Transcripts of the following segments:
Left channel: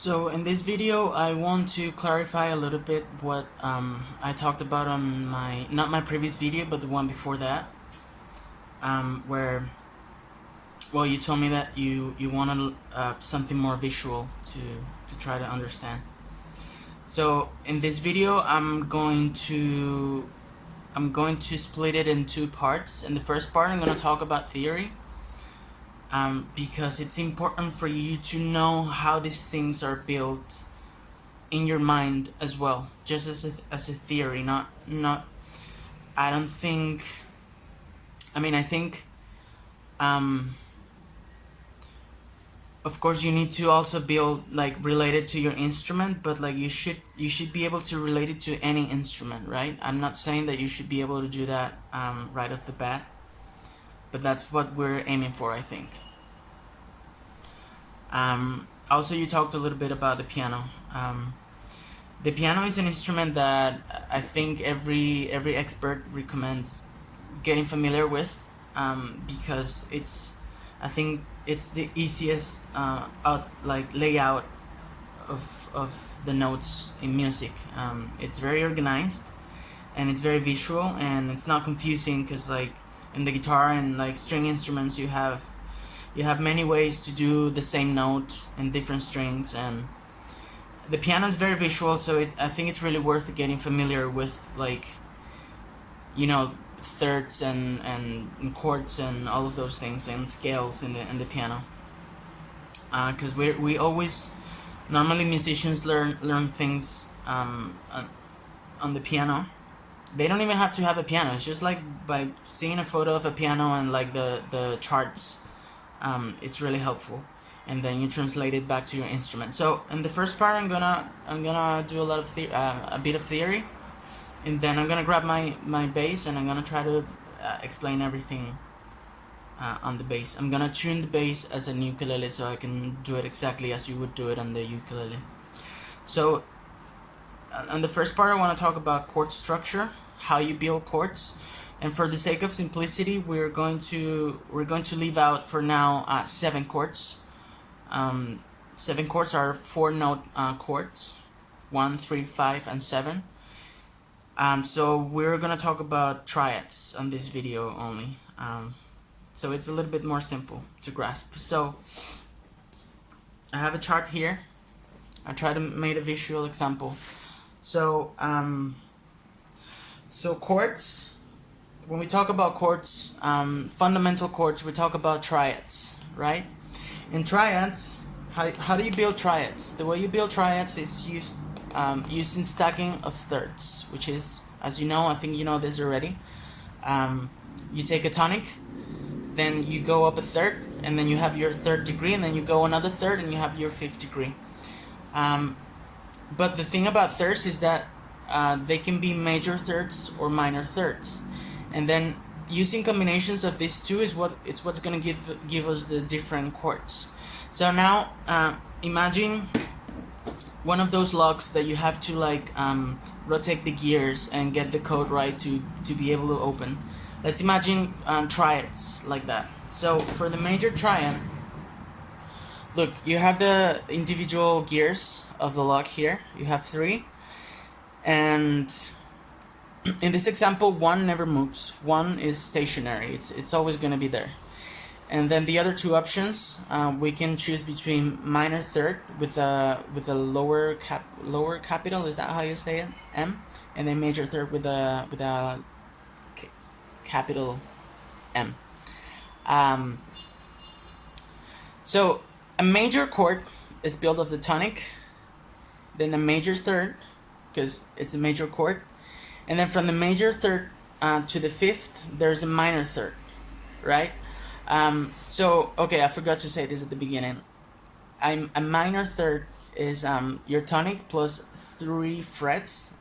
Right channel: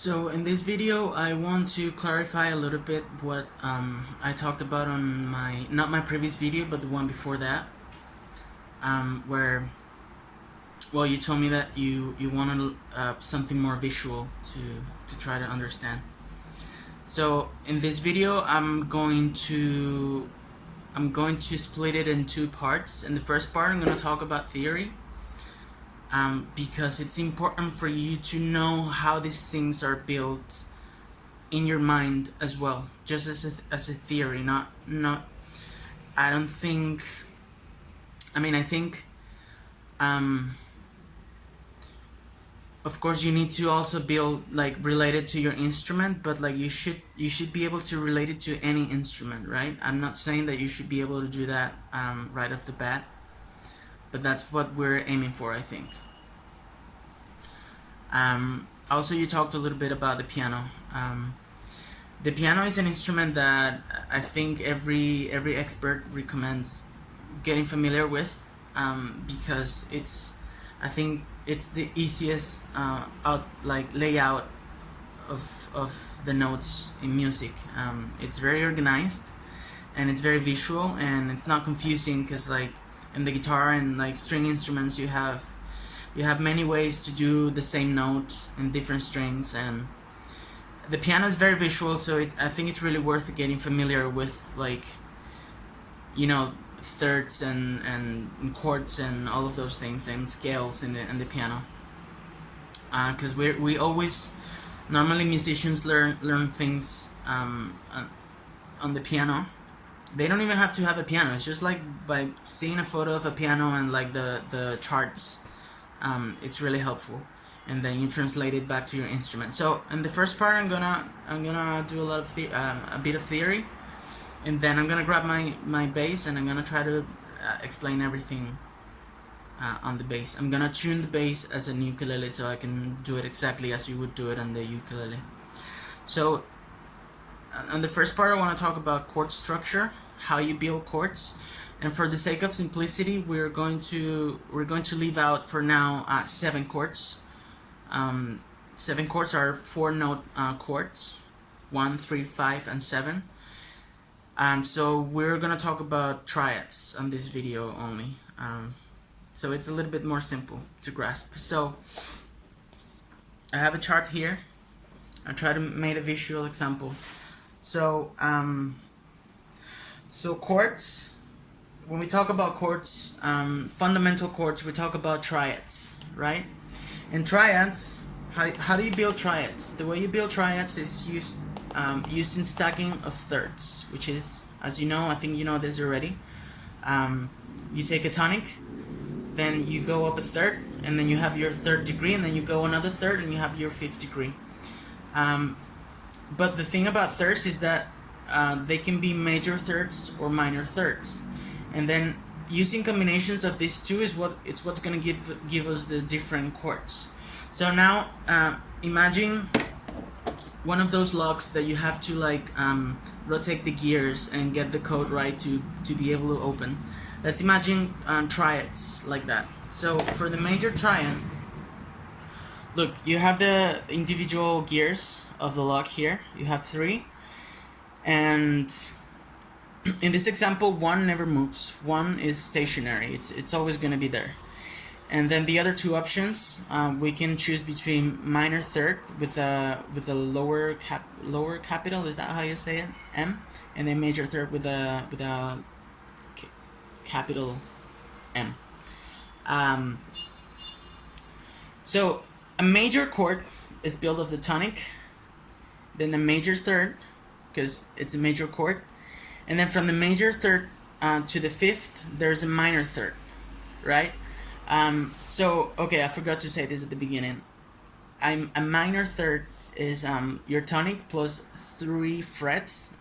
So in this video I want to clarify a little bit what I talked about on not my previous video but the one before that, where you told me that you wanted something more visual to try to understand. So in this video I'm going to split it in two parts. In the first part I'm going to talk about theory, because it's important for you to know how these things are built in your mind as well, just as a theory, not I don't think, I think of course you need to also build like related to your instrument, but like you should be able to relate it to any instrument, right? I'm not saying that you should be able to do that right off the bat, but that's what we're aiming for, I think. Also, you talked a little bit about the piano. The piano is an instrument that I think every expert recommends getting familiar with, because I think it's the easiest layout of the notes in music. It's very organized and it's very visual, and it's not confusing because like in the guitar and like string instruments you have many ways to do the same note in different strings, and the piano is very visual, so I think it's really worth getting familiar with, like, you know, thirds and chords and all of those things and scales in the piano, because we always normally musicians learn things on the piano. They don't even have to have a piano. It's just like by seeing a photo of a piano and like the charts, it's really helpful, and then you translate it back to your instrument. So in the first part I'm gonna do a lot of a bit of theory, and then I'm gonna grab my bass and I'm gonna try to explain everything on the bass. I'm gonna tune the bass as a ukulele so I can do it exactly as you would do it on the ukulele. So on the first part I want to talk about chord structure, how you build chords, and for the sake of simplicity we're going to leave out for now 7 chords. 7 chords are 4-note chords, 1, 3, 5, and 7. So we're gonna talk about triads on this video only. So it's a little bit more simple to grasp. So I have a chart here. I try to make a visual example. So chords, when we talk about chords, fundamental chords, we talk about triads, right? In triads, how do you build triads? The way you build triads is using stacking of thirds, which is, as you know, I think you know this already. You take a tonic, then you go up a third, and then you have your 3rd degree, and then you go another third, and you have your 5th degree. But the thing about thirds is that they can be major thirds or minor thirds, and then using combinations of these two is what's going to give us the different chords. So now imagine one of those locks that you have to like rotate the gears and get the code right to be able to open. Let's imagine triads like that. So for the major triad, look, you have the individual gears of the lock here. You have 3, and in this example 1 never moves. 1 is stationary. It's always going to be there. And then the other 2 options, we can choose between minor third with a lower capital, is that how you say it, M, and then major third with a capital M. So a major chord is built of the tonic, then a major third, because it's a major chord, and then from the major third to the 5th there's a minor third, right? So okay, I forgot to say this at the beginning. A minor third is your tonic plus 3 frets,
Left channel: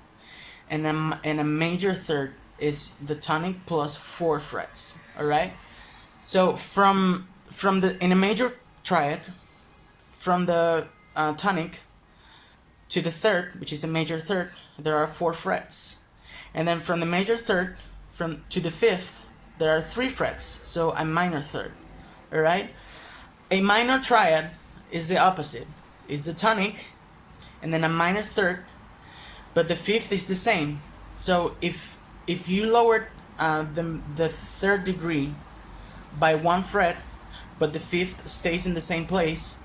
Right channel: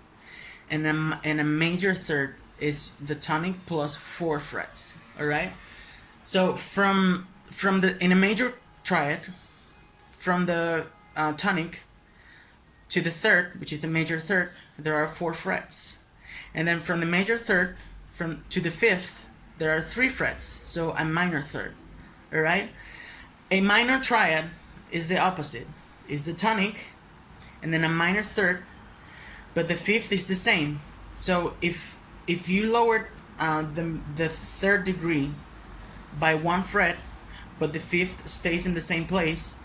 and a major third is the tonic plus 4 frets. All right. So in a major triad, from the tonic to the 3rd, which is a major third, there are 4 frets, and then from the major third to the 5th there are 3 frets, so a minor third. All right. A minor triad is the opposite. is the tonic, and then a minor third, but the fifth is the same. So if you lowered the third degree by 1 fret, but the fifth stays in the same place,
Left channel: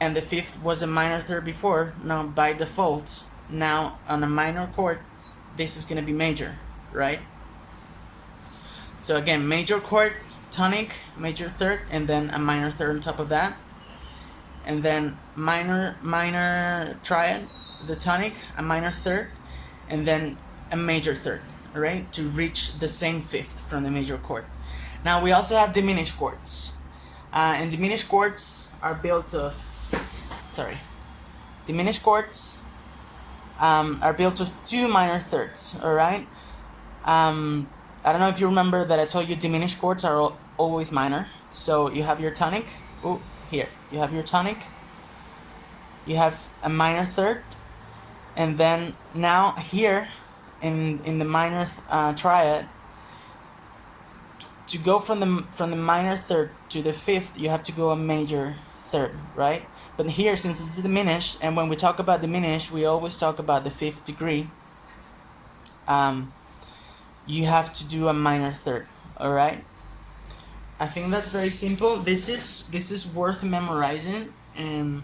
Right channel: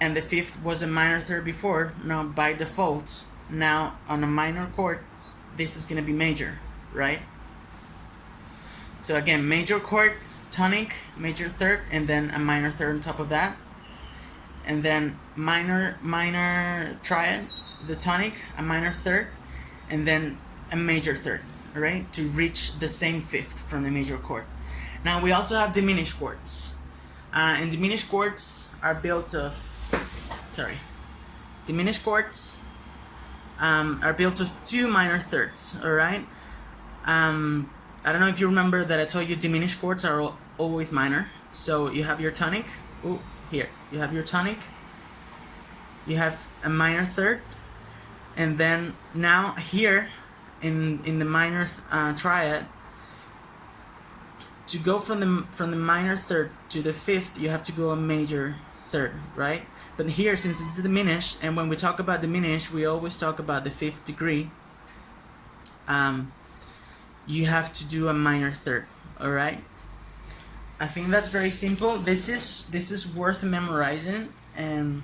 and the fifth was a minor third before, now by default, now on a minor chord, this is going to be major, right? So again, major chord, tonic, major third, and then a minor third on top of that, and then minor triad, the tonic, a minor third, and then a major third, all right, to reach the same fifth from the major chord. Now we also have diminished chords, and diminished chords are built of diminished chords are built of 2 minor thirds, all right. I don't know if you remember that I told you diminished chords are always minor. So you have your tonic. Here you have your tonic. You have a minor third, and then now here in the minor triad, to go from the minor third to the fifth, you have to go a major third, right? But here, since it's diminished, and when we talk about diminished, we always talk about the fifth degree. You have to do a minor third, all right? I think that's very simple. This is worth memorizing, and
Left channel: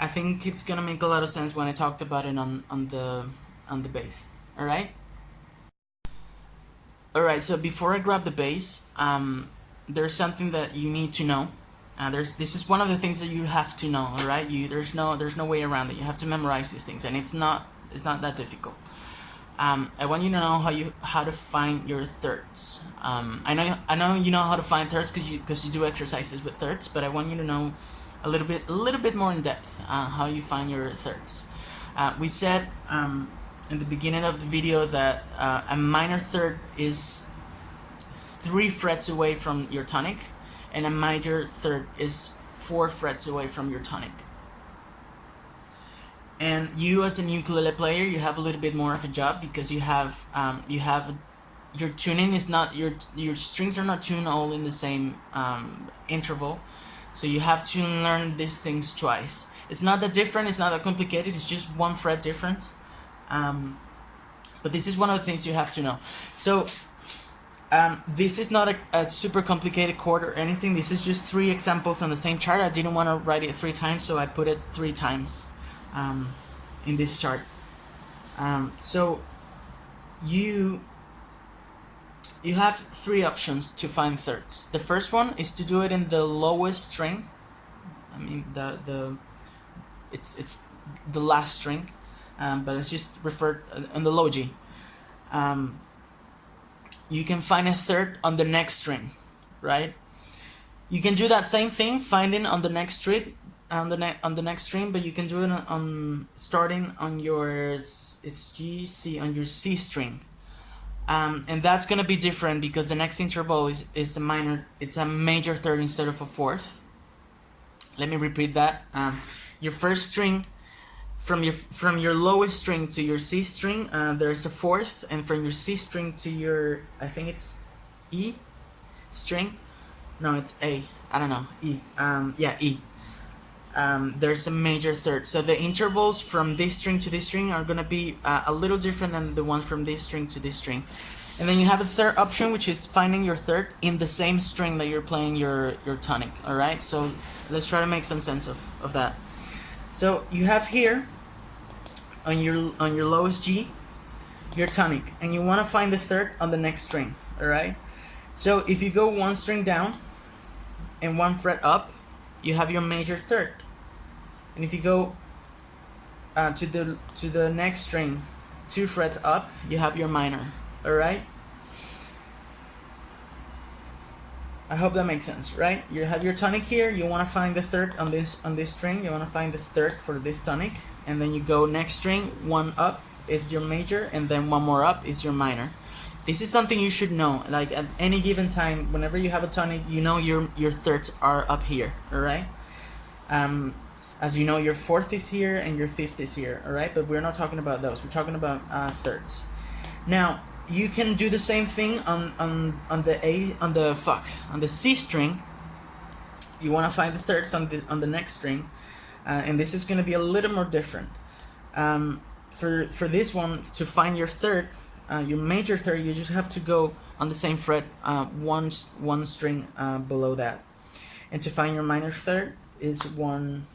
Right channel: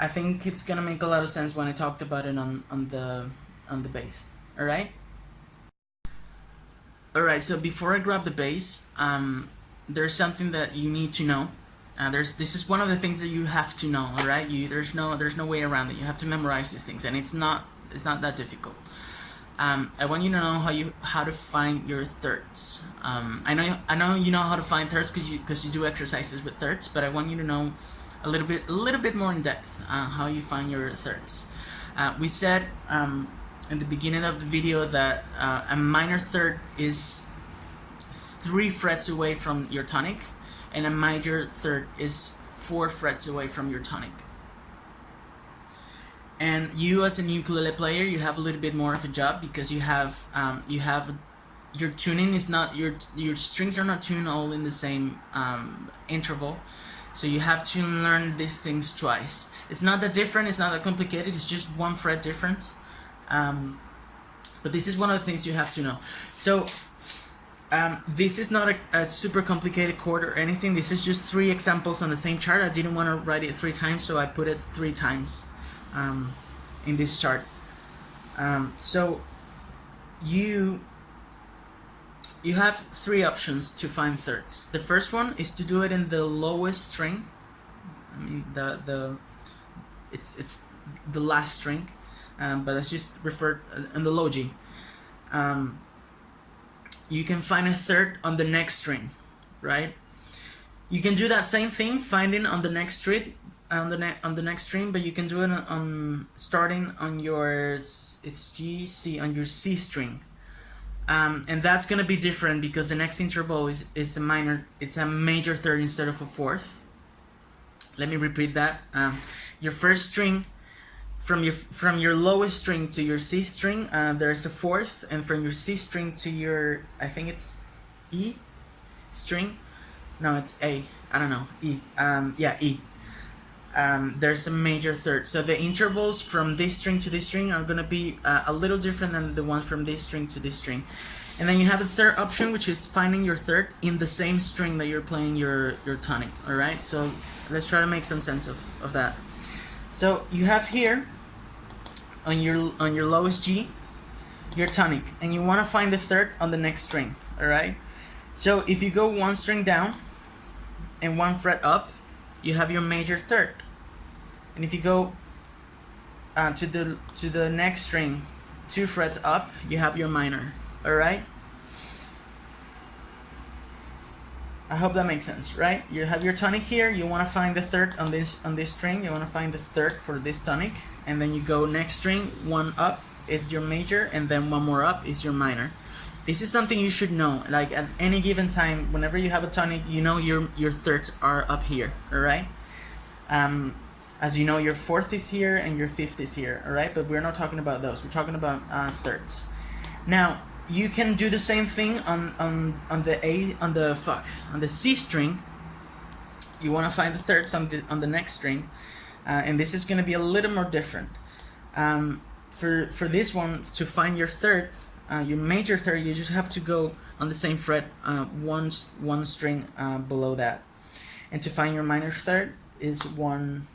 I think it's gonna make a lot of sense when I talked about it on the bass. All right. All right. So before I grab the bass, there's something that you need to know. This is one of the things that you have to know. All right. There's no way around it. You have to memorize these things, and it's not that difficult. I want you to know how to find your thirds. I know you know how to find thirds because you do exercises with thirds, but I want you to know a little bit more in depth how you find your thirds. We said in the beginning of the video that a minor third is 3 frets away from your tonic, and a major third is 4 frets away from your tonic. And you, as a ukulele player, you have a little bit more of a job because you have your tuning is not your strings are not tuned all in the same interval, so you have to learn these things twice. It's not that different. It's not that complicated. It's just 1 fret difference. But this is one of the things you have to know. So this is not a super complicated chord or anything. This is just 3 examples on the same chart. I didn't want to write it 3 times, so I put it 3 times in this chart. So you have 3 options to find thirds. The first one is to do it in the lowest string. I mean it's the last string, but let's just refer in the low G. You can find a third on the next string, right? You can do that same thing, finding on the next string, on the next string, but you can do it on starting on your on your C string, and that's gonna be different because the next interval is a minor. It's a major third instead of a fourth. Let me repeat that. Your first string, from your lowest string to your C string, there's a fourth, and from your C string to your, I think it's E string. No, it's A. I don't know. E. Yeah, E. There's a major third. So the intervals from this string to this string are gonna be a little different than the ones from this string to this string. And then you have a third option, which is finding your third in the same string that you're playing your tonic. All right. So let's try to make some sense of that. So you have here on your lowest G, your tonic, and you want to find the third on the next string. All right. So if you go 1 string down and 1 fret up, you have your major third. And if you go to the next string 2 frets up, you have your minor. All right. I hope that makes sense, right? You have your tonic here. You want to find the third on this string. You want to find the third for this tonic, and then you go next string, 1 up is your major, and then 1 more up is your minor. This is something you should know. Like at any given time, whenever you have a tonic, you know your thirds are up here. All right. As you know, your fourth is here and your fifth is here. All right, but we're not talking about those. We're talking about thirds. Now you can do the same thing on the C string. You want to find the thirds on the next string. and this is going to be a little more different. For this one, to find your third, your major third, you just have to go on the same fret one string below that, and to find your minor third is one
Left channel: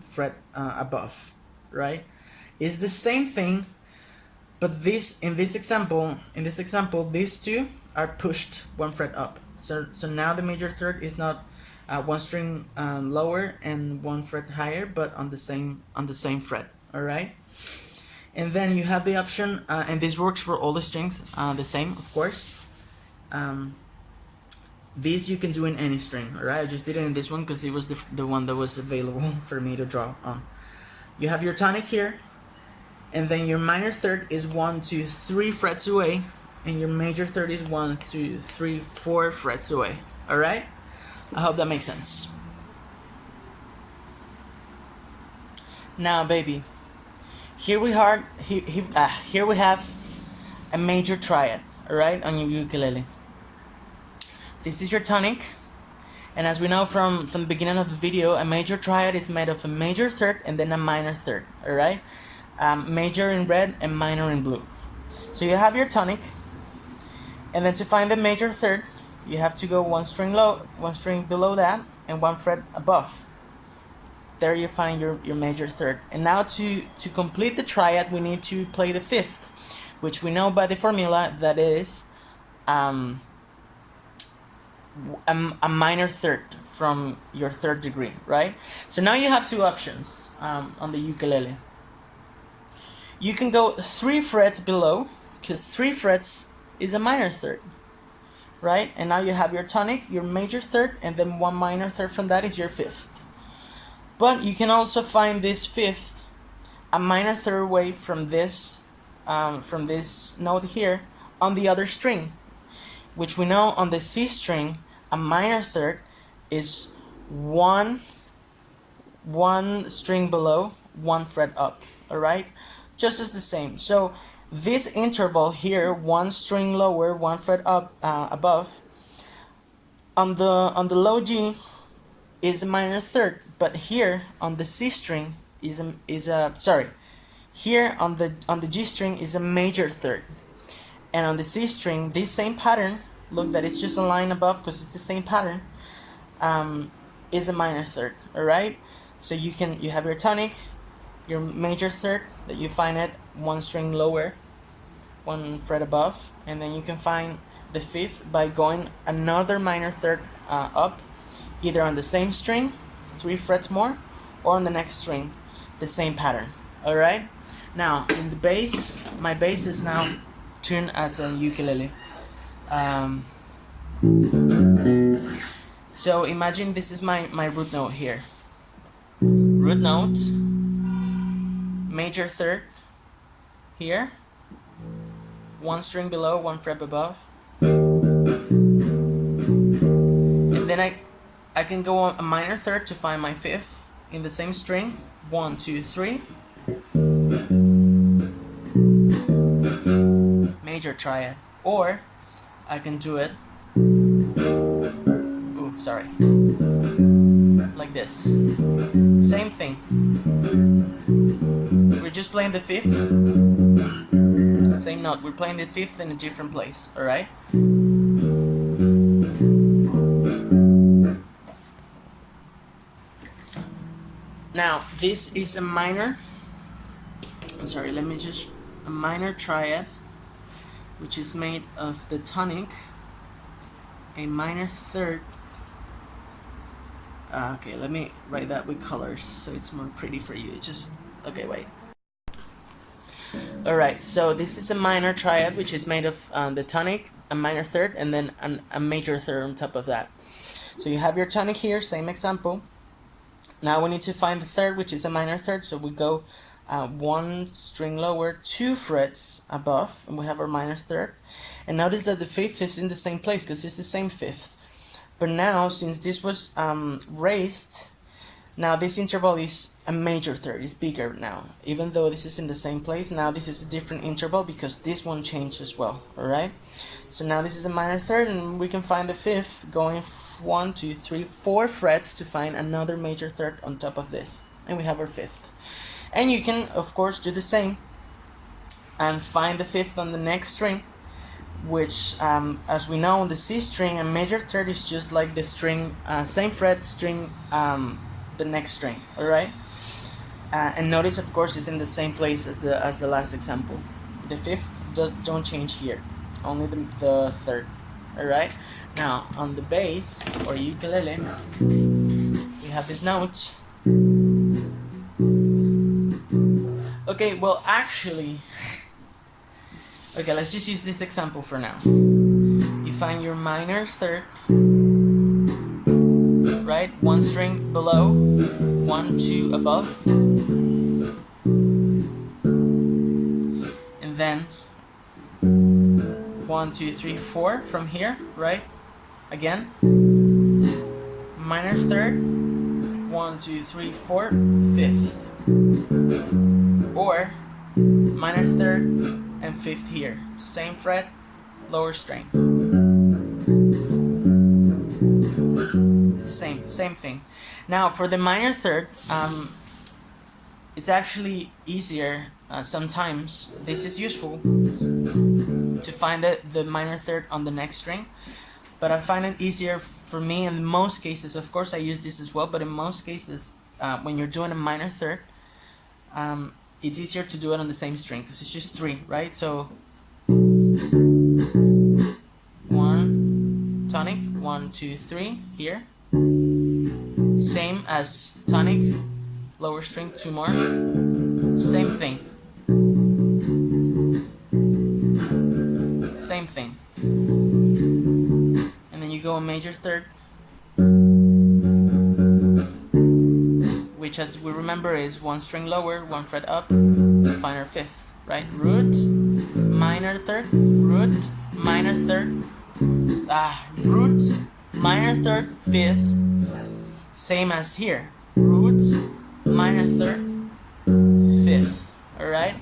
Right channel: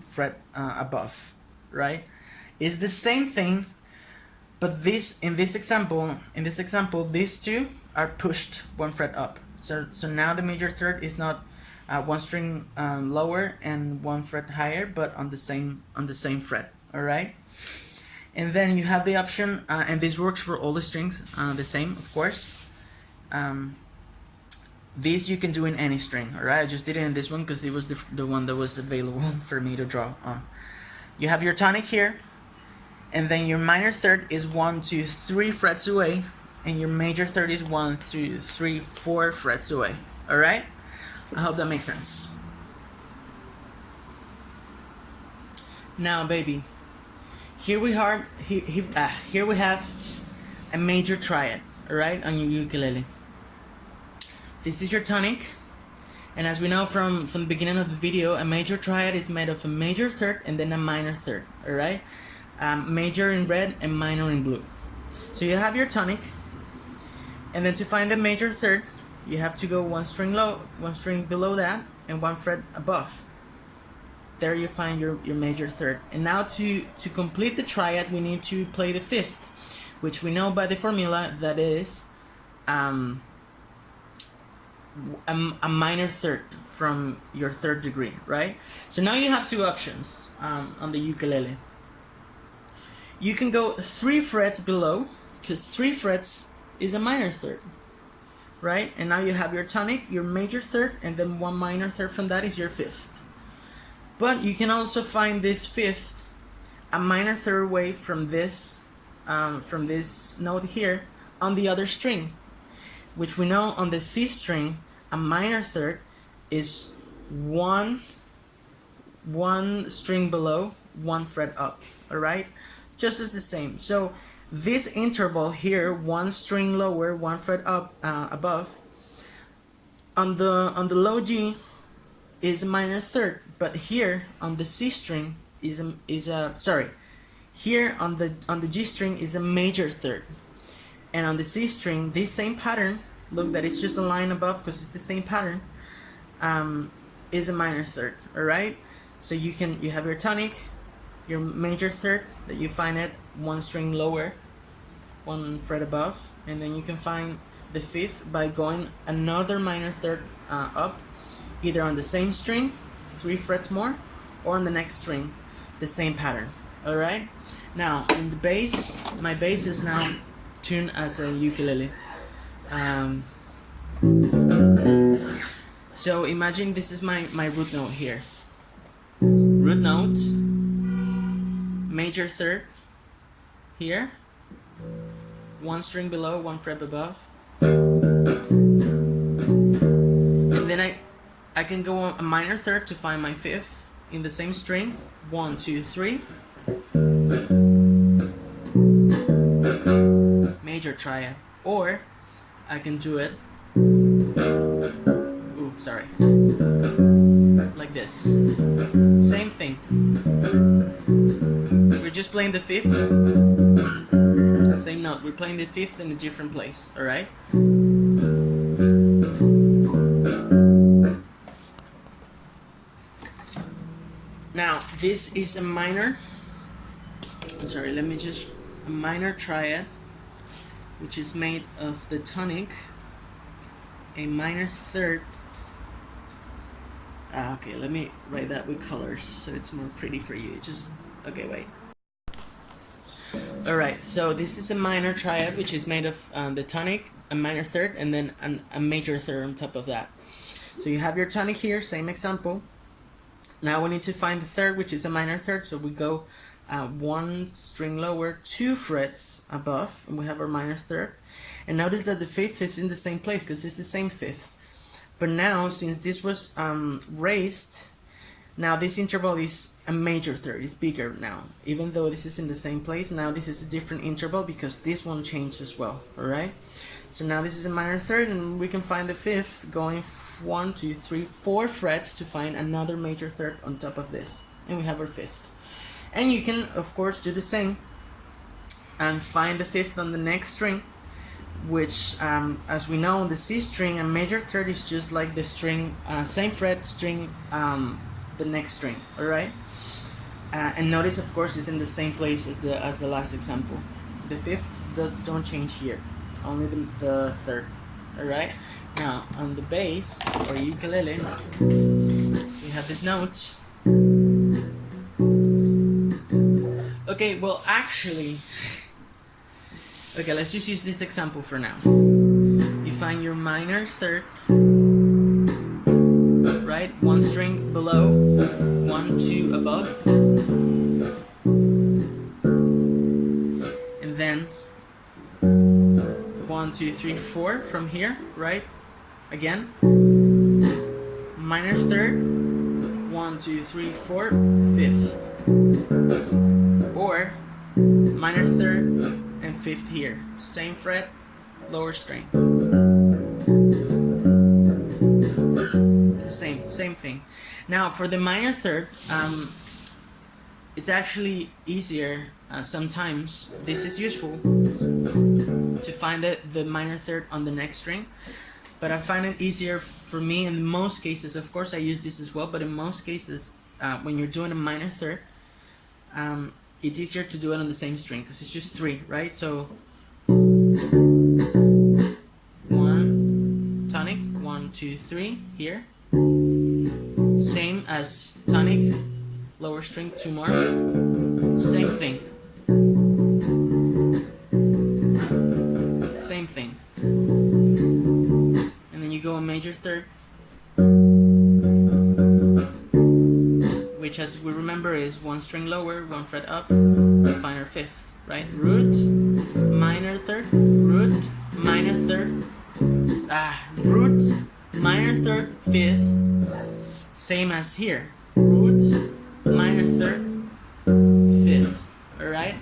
fret above, right? It's the same thing, but in this example, these two are pushed one fret up. So now the major third is not one string lower and one fret higher, but on the same fret. All right. And then you have the option, and this works for all the strings the same, of course. This you can do in any string. All right. I just did it in this one because it was the one that was available for me to draw on. You have your tonic here, and then your minor third is 1, 2, 3 frets away, and your major third is 1, 2, 3, 4 frets away. All right. I hope that makes sense. Now, baby, here we have a major triad, all right, on your ukulele. This is your tonic, and as we know from the beginning of the video, a major triad is made of a major third and then a minor third, all right, major in red and minor in blue. So you have your tonic, and then to find the major third, you have to go one string below that, and one fret above. There you find your major third. And now to complete the triad, we need to play the fifth, which we know by the formula that is a minor third from your third degree, right? So now you have two options on the ukulele. You can go 3 frets below, because 3 frets is a minor third, right? And now you have your tonic, your major third, and then one minor third from that is your fifth. But you can also find this fifth a minor third away from this note here on the other string, which we know on the C string a minor third is one string below, 1 fret up. All right, just as the same. So this interval here, 1 string lower, 1 fret up above, on the low G is a minor third, but here on the C string here on the G string is a major third, and on the C string, this same pattern, look, that it's just a line above because it's the same pattern, is a minor third. All right, so you have your tonic, your major third that you find it 1 string lower, 1 fret above, and then you can find the fifth by going another minor third up, either on the same string, 3 frets more, or on the next string, the same pattern. All right. Now in the bass, my bass is now tuned as a ukulele. So imagine this is my root note here. Root note, major third here, 1 string below, 1 fret above, and then I can go on a minor third to find my fifth in the same string, 1, 2, 3, major triad, or I can do it, like this, same thing. We're just playing the fifth, same note, we're playing the fifth in a different place, alright? Now, this is a minor, a minor triad, which is made of the tonic, a minor third. Okay, let me write that with colors so it's more pretty for you. Okay, wait. Alright, so this is a minor triad, which is made of the tonic, a minor third, and then a major third on top of that. So you have your tonic here, same example. Now we need to find the third, which is a minor third, so we go 1 string lower, 2 frets above, and we have our minor third. And notice that the fifth is in the same place because it's the same fifth. But now, since this was raised, Now this interval is a major third, it's bigger now. Even though this is in the same place, now this is a different interval because this one changed as well, alright? So now this is a minor third, and we can find the fifth going 1, 2, 3, 4 frets to find another major third on top of this. And we have our fifth. And you can, of course, do the same and find the fifth on the next string, which, as we know, the C string, a major third is just like the string, same fret string, the next string, alright? And notice, of course, it's in the same place as the last example. The fifth don't change here, only the third, alright? Now, on the bass, or ukulele, we have this note. Okay, well, actually, okay, let's just use this example for now. You find your minor third, right? One string below, 1, 2 above, and then 1, 2, 3, 4 from here, right? Again, minor third, 1, 2, 3, 4, fifth, or minor third and fifth here, same fret, lower string. Same thing. Now for the minor third, it's actually easier sometimes. This is useful to find the minor third on the next string, but I find it easier for me in most cases. Of course I use this as well, but in most cases when you're doing a minor third, it's easier to do it on the same string because it's just 3, right? So 1 tonic, 1, 2, 3 here, same as tonic, lower string, 2 more, same thing, and then you go a major third, which, as we remember, is 1 string lower, 1 fret up to find our fifth, right? Root, minor third, root, minor third, root, minor third, fifth, same as here, root, minor third, fifth, alright?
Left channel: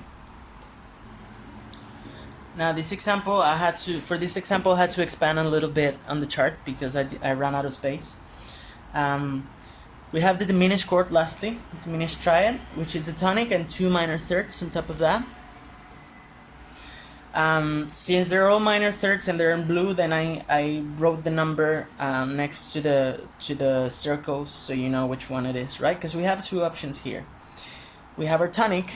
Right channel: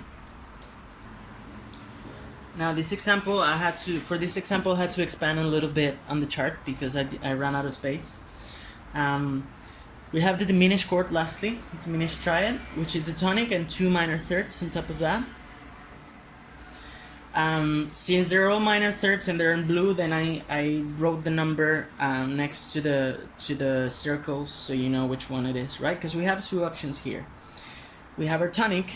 Now this example, I had to expand a little bit on the chart because I ran out of space. We have the diminished chord lastly, diminished triad, which is a tonic and 2 minor thirds on top of that. Since they're all minor thirds and they're in blue, then I wrote the number next to the circles so you know which one it is, right? Because we have 2 options here. We have our tonic,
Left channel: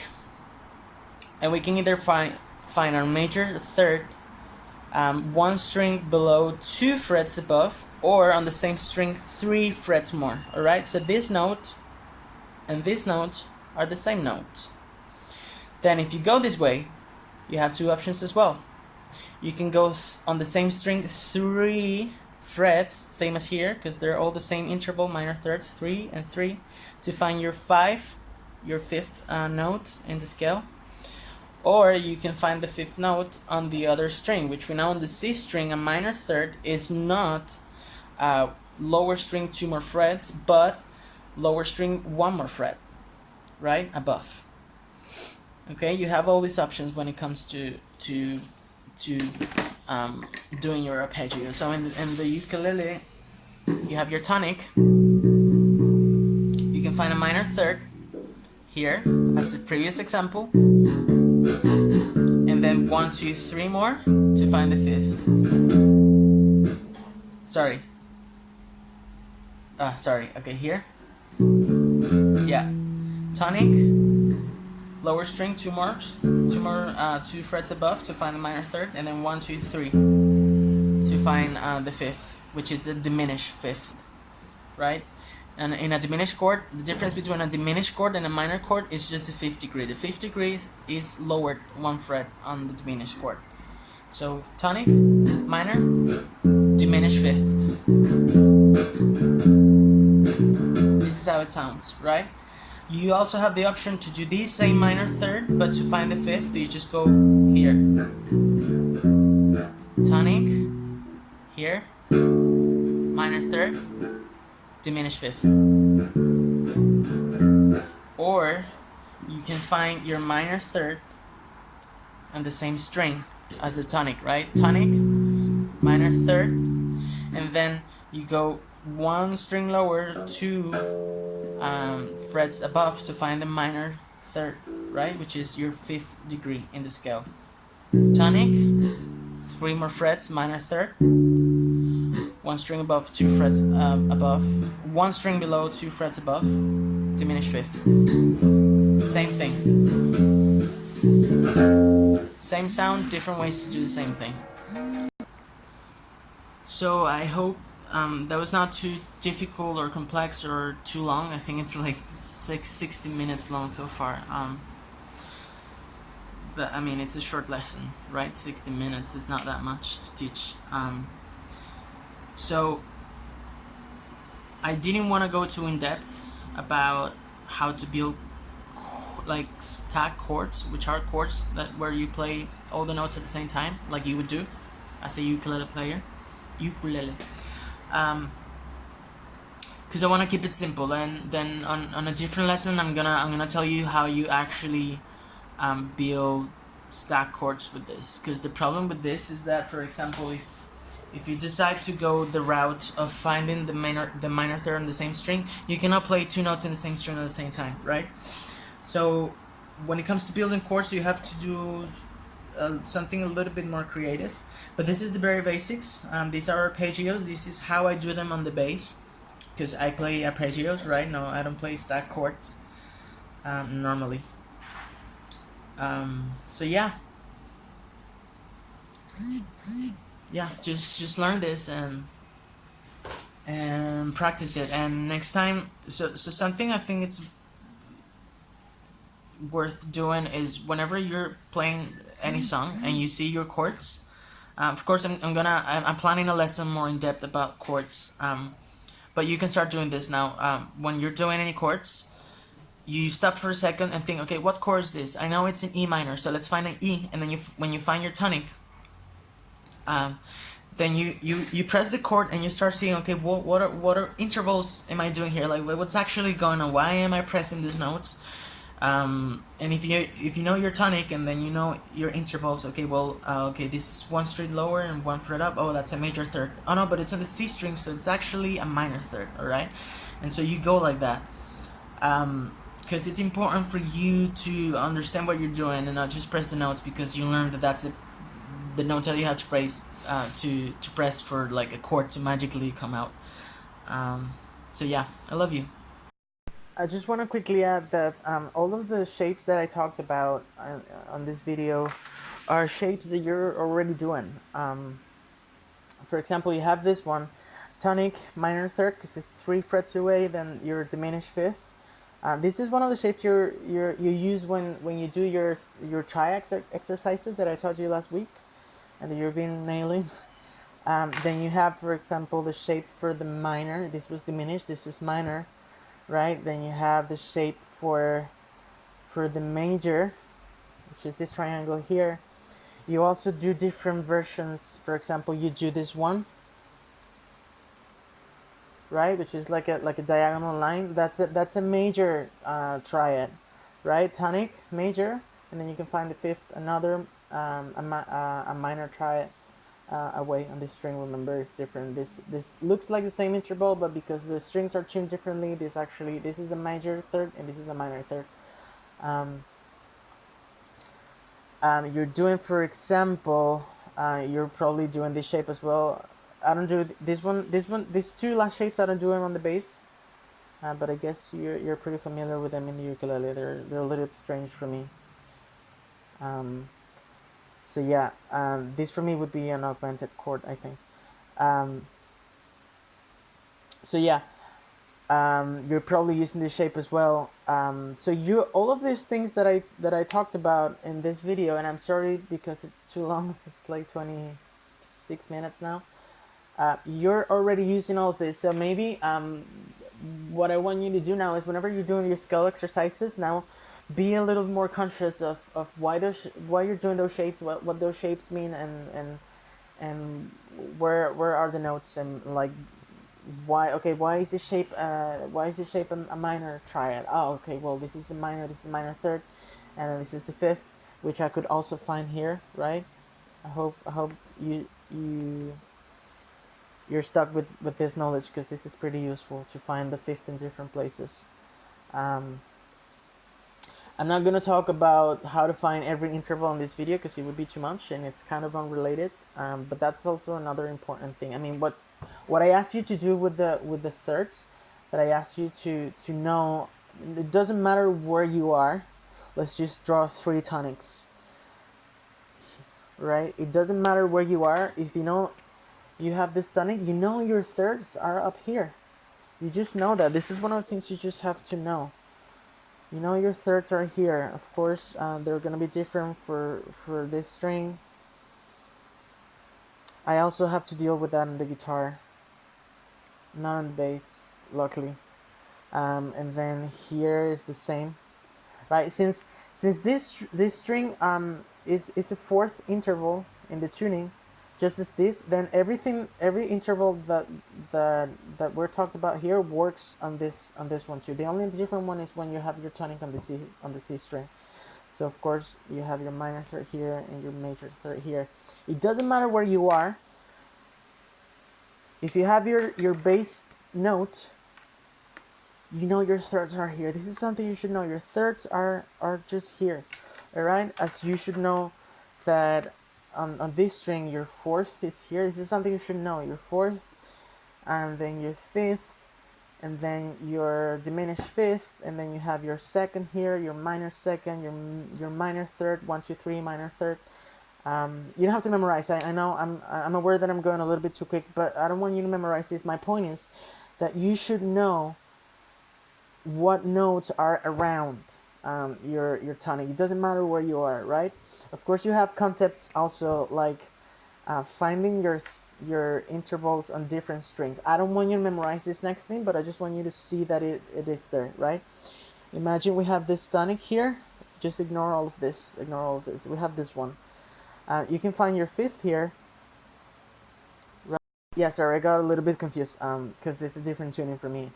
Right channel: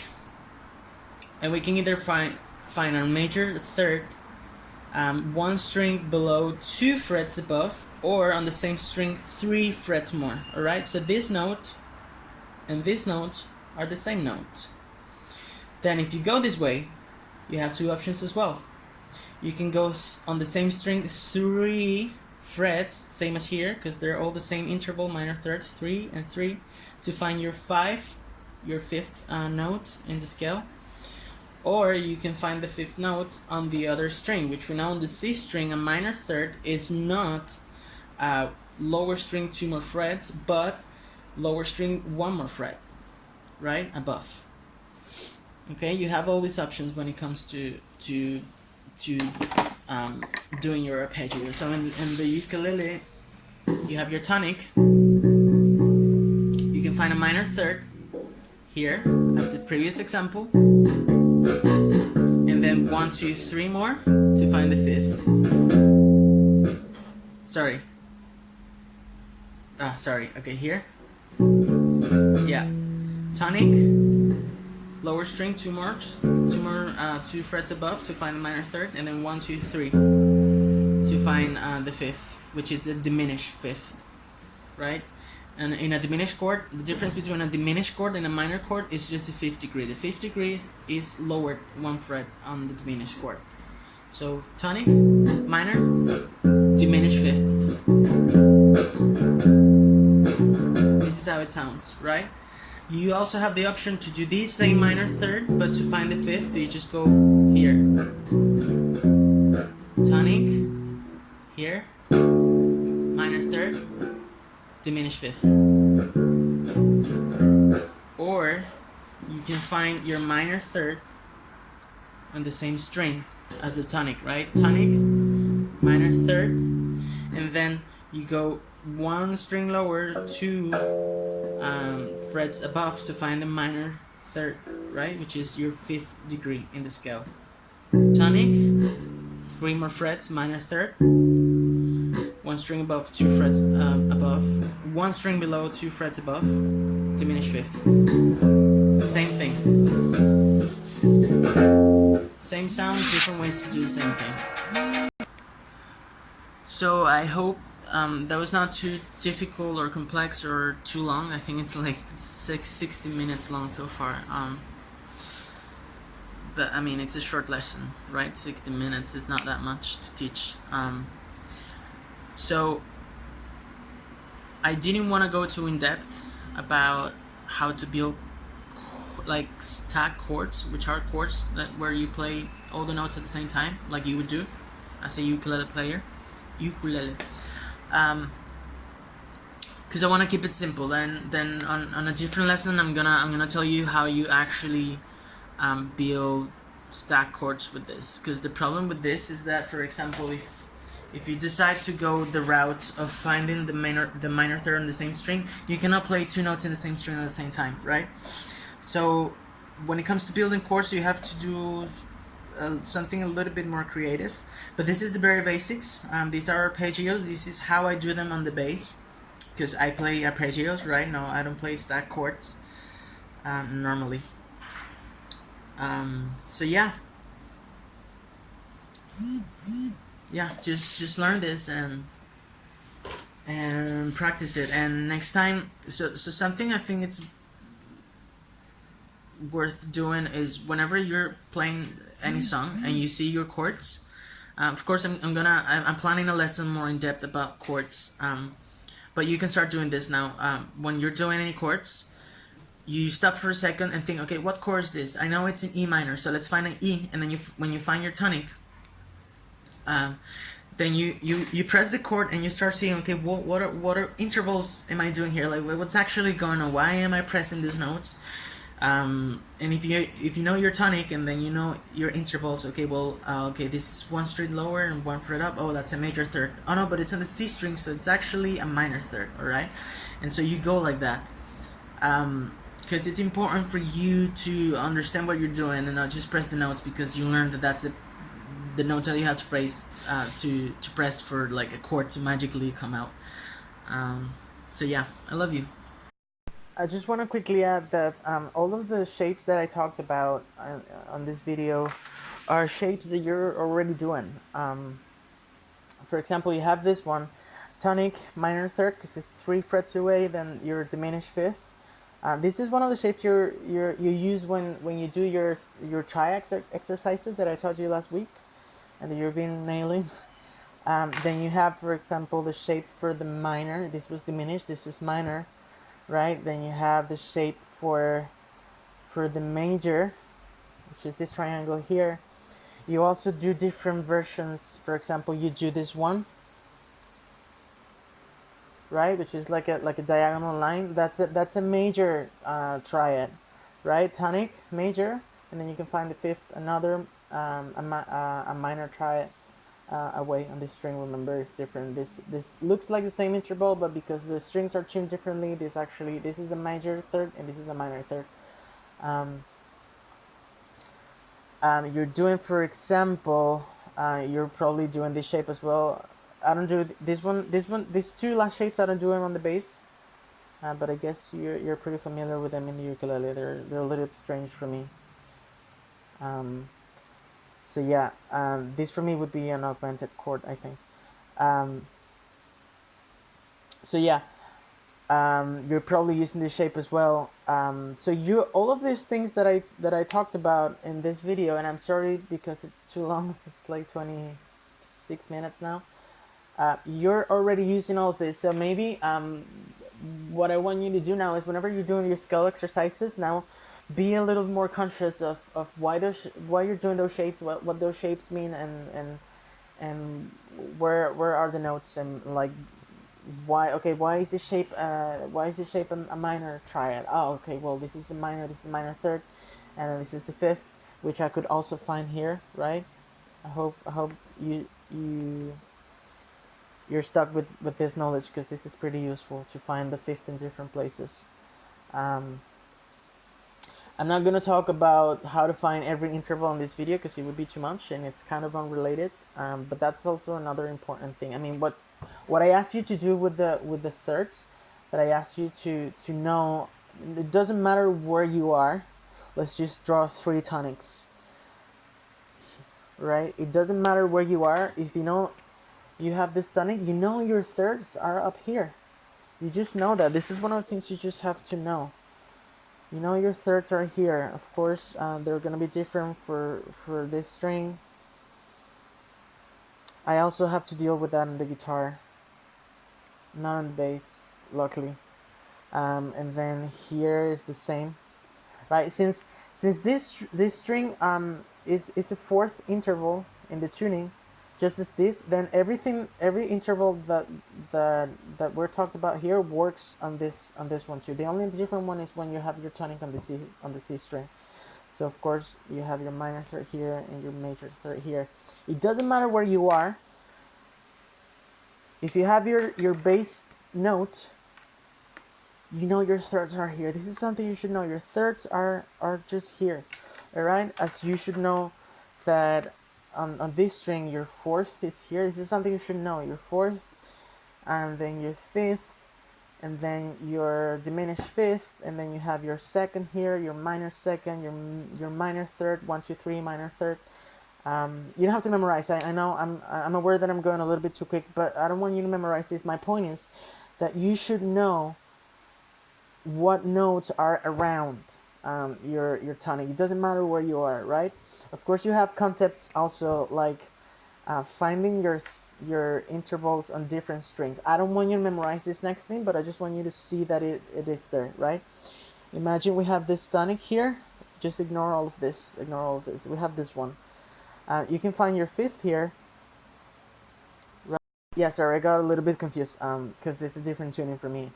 and we can either find our major third 1 string below, 2 frets above, or on the same string 3 frets more. Alright, so this note and this note are the same note. Then if you go this way, you have 2 options as well. You can go on the same string 3 frets, same as here, because they're all the same interval, minor thirds, 3 and 3, to find your fifth note in the scale. Or you can find the 5th note on the other string, which we know on the C string, a minor third is not lower string 2 more frets, but lower string 1 more fret, right, above. Okay, you have all these options when it comes to doing your arpeggio. So in the ukulele, you have your tonic. You can find a minor third here, as the previous example, and then 1, 2, 3 more to find the 5th. Sorry. Okay, here. Yeah, tonic, lower string, 2 more, 2 frets above to find the minor third, and then 1, 2, 3 to find the 5th, which is a diminished 5th, right? And in a diminished chord, the difference between a diminished chord and a minor chord is just the 5th degree. The 5th degree is lowered 1 fret on the diminished chord. So tonic, minor, diminished 5th. This is how it sounds, right? You also have the option to do this same minor third, but to find the 5th, you just go here. Tonic, here, minor third, diminished 5th. you can find your minor third on the same string as the tonic, right? Tonic, minor third, and then you go one string lower, two frets above to find the minor third, right? Which is your fifth degree in the scale. Tonic, three more frets, minor third, one string above, two frets above, one string below, two frets above, diminished fifth. Same thing. Same sound, different ways to do the same thing. So I hope that was not too difficult or complex or too long. I think it's like 60 minutes long so far. But I mean, it's a short lesson, right? 60 minutes is not that much to teach. So I didn't want to go too in depth about how to build like stack chords, which are chords that where you play all the notes at the same time, like you would do as a ukulele player. Because I want to keep it simple, and then on a different lesson I'm gonna tell you how you actually build stack chords with this. Because the problem with this is that, for example, if you decide to go the route of finding the minor third on the same string, you cannot play two notes in the same string at the same time, right? So when it comes to building chords, you have to do something a little bit more creative. But this is the very basics. These are arpeggios. This is how I do them on the bass, because I play arpeggios, right? No, I don't play stack chords normally. So yeah, just learn this and practice it. And next time, so something I think it's worth doing is whenever you're playing any song and you see your chords. Of course, I'm planning a lesson more in depth about chords. But you can start doing this now. When you're doing any chords, you stop for a second and think, okay, what chord is this? I know it's an E minor, so let's find an E. And then when you find your tonic, then you press the chord and you start seeing, okay, what are intervals am I doing here? Like, what's actually going on? Why am I pressing these notes? And if you know your tonic and then you know your intervals, okay, well, okay, this is one string lower and one fret up. Oh, that's a major third. Oh no, but it's on the C string, so it's actually a minor third. All right, and so you go like that, because it's important for you to understand what you're doing and not just press the notes because you learned that that's the notes that you have to press to press for like a chord to magically come out. So yeah, I love you. I just want to quickly add that all of the shapes that I talked about on this video are shapes that you're already doing. For example, you have this one, tonic, minor third, because it's 3 frets away, then your diminished fifth. This is one of the shapes you use when you do your triads exercises that I taught you last week and that you've been nailing. Then you have, for example, the shape for the minor. This was diminished, this is minor. Right, then you have the shape for the major, which is this triangle here. You also do different versions. For example, you do this one, right, which is like a diagonal line. That's a major triad, right? Tonic, major, and then you can find the fifth, another a minor triad. Away on this string. Remember, it's different. This looks like the same interval, but because the strings are tuned differently, this is a major third and this is a minor third. You're doing, for example, you're probably doing this shape as well. I don't do this one. These two last shapes I don't do them on the bass, but I guess you're pretty familiar with them in the ukulele. They're a little bit strange for me. So yeah, this for me would be an augmented chord, I think. So yeah, you're probably using this shape as well. So all of these things that I talked about in this video, and I'm sorry because it's too long. It's like 26 minutes now. You're already using all of this. So maybe what I want you to do now is whenever you're doing your scale exercises now, be a little more conscious of why you're doing those shapes, what those shapes mean, and where are the notes, and like why is this shape a minor triad? Oh, okay, well, this is a minor third, and then this is the fifth, which I could also find here, right? I hope you're stuck with this knowledge, because this is pretty useful to find the fifth in different places. um, I'm not going to talk about how to find every interval in this video, because it would be too much and it's kind of unrelated. But that's also another important thing. I mean, what I asked you to do with the thirds, that I asked you to know, it doesn't matter where you are. Let's just draw three tonics, right? It doesn't matter where you are. If you know you have this tonic, you know your thirds are up here. You just know that. This is one of the things you just have to know. You know your thirds are here. Of course, they're gonna be different for this string. I also have to deal with that on the guitar, not on the bass, luckily. And then here is the same, right? Since this string is a fourth interval in the tuning, just as this, then every interval that we're talked about here works on this one too. The only different one is when you have your tonic on the C string. So of course you have your minor third here and your major third here. It doesn't matter where you are. If you have your bass note, you know your thirds are here. This is something you should know. Your thirds are just here, all right? As you should know that on this string, your fourth is here. This is something you should know. Your fourth, and then your fifth, and then your diminished fifth, and then you have your second here, your minor second, your minor third, 1, 2, 3, minor third. You don't have to memorize. I know I'm aware that I'm going a little bit too quick, but I don't want you to memorize this. My point is that you should know what notes are around your tonic. It doesn't matter where you are, right? Of course, you have concepts also like finding your intervals on different strings. I don't want you to memorize this next thing, but I just want you to see that it is there, right? Imagine we have this tonic here. Just ignore all of this. Ignore all of this. We have this one. You can find your fifth here. Right? Yeah, sorry, I got a little bit confused because it's a different tuning for me.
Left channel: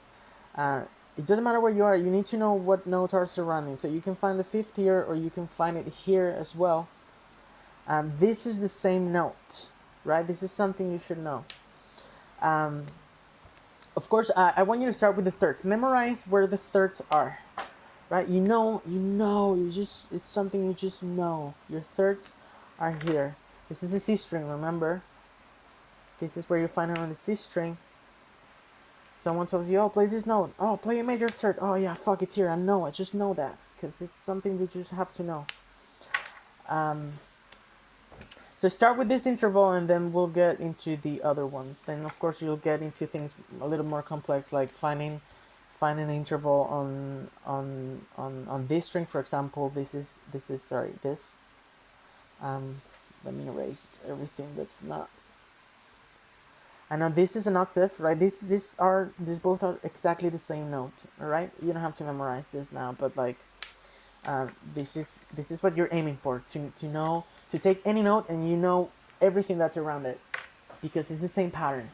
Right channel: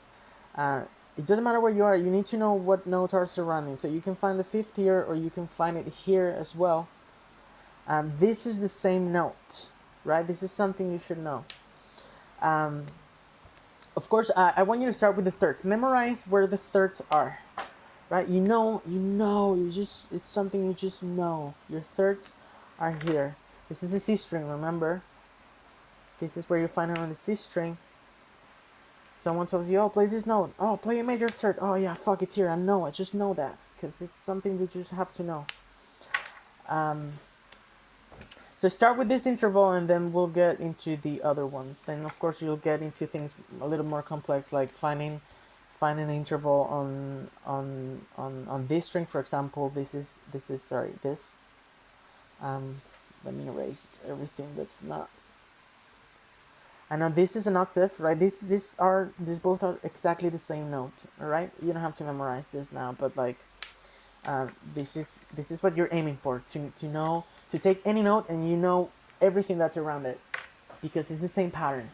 It doesn't matter where you are. You need to know what notes are surrounding. So you can find the fifth here, or you can find it here as well. This is the same note, right? This is something you should know. Of course, I want you to start with the thirds. Memorize where the thirds are, right? It's something you just know. Your thirds are here. This is the C string, remember? This is where you find it on the C string. Someone tells you, oh, play this note. Oh, play a major third. Oh, yeah, fuck, it's here. I just know that. Because it's something you just have to know. So start with this interval, and then we'll get into the other ones. Then, of course, you'll get into things a little more complex, like finding an interval on this string, for example. This. Let me erase everything that's not. And now this is an octave, right? These both are exactly the same note, all right? You don't have to memorize this now, but like, this is what you're aiming for, to know, to take any note and you know everything that's around it, because it's the same pattern.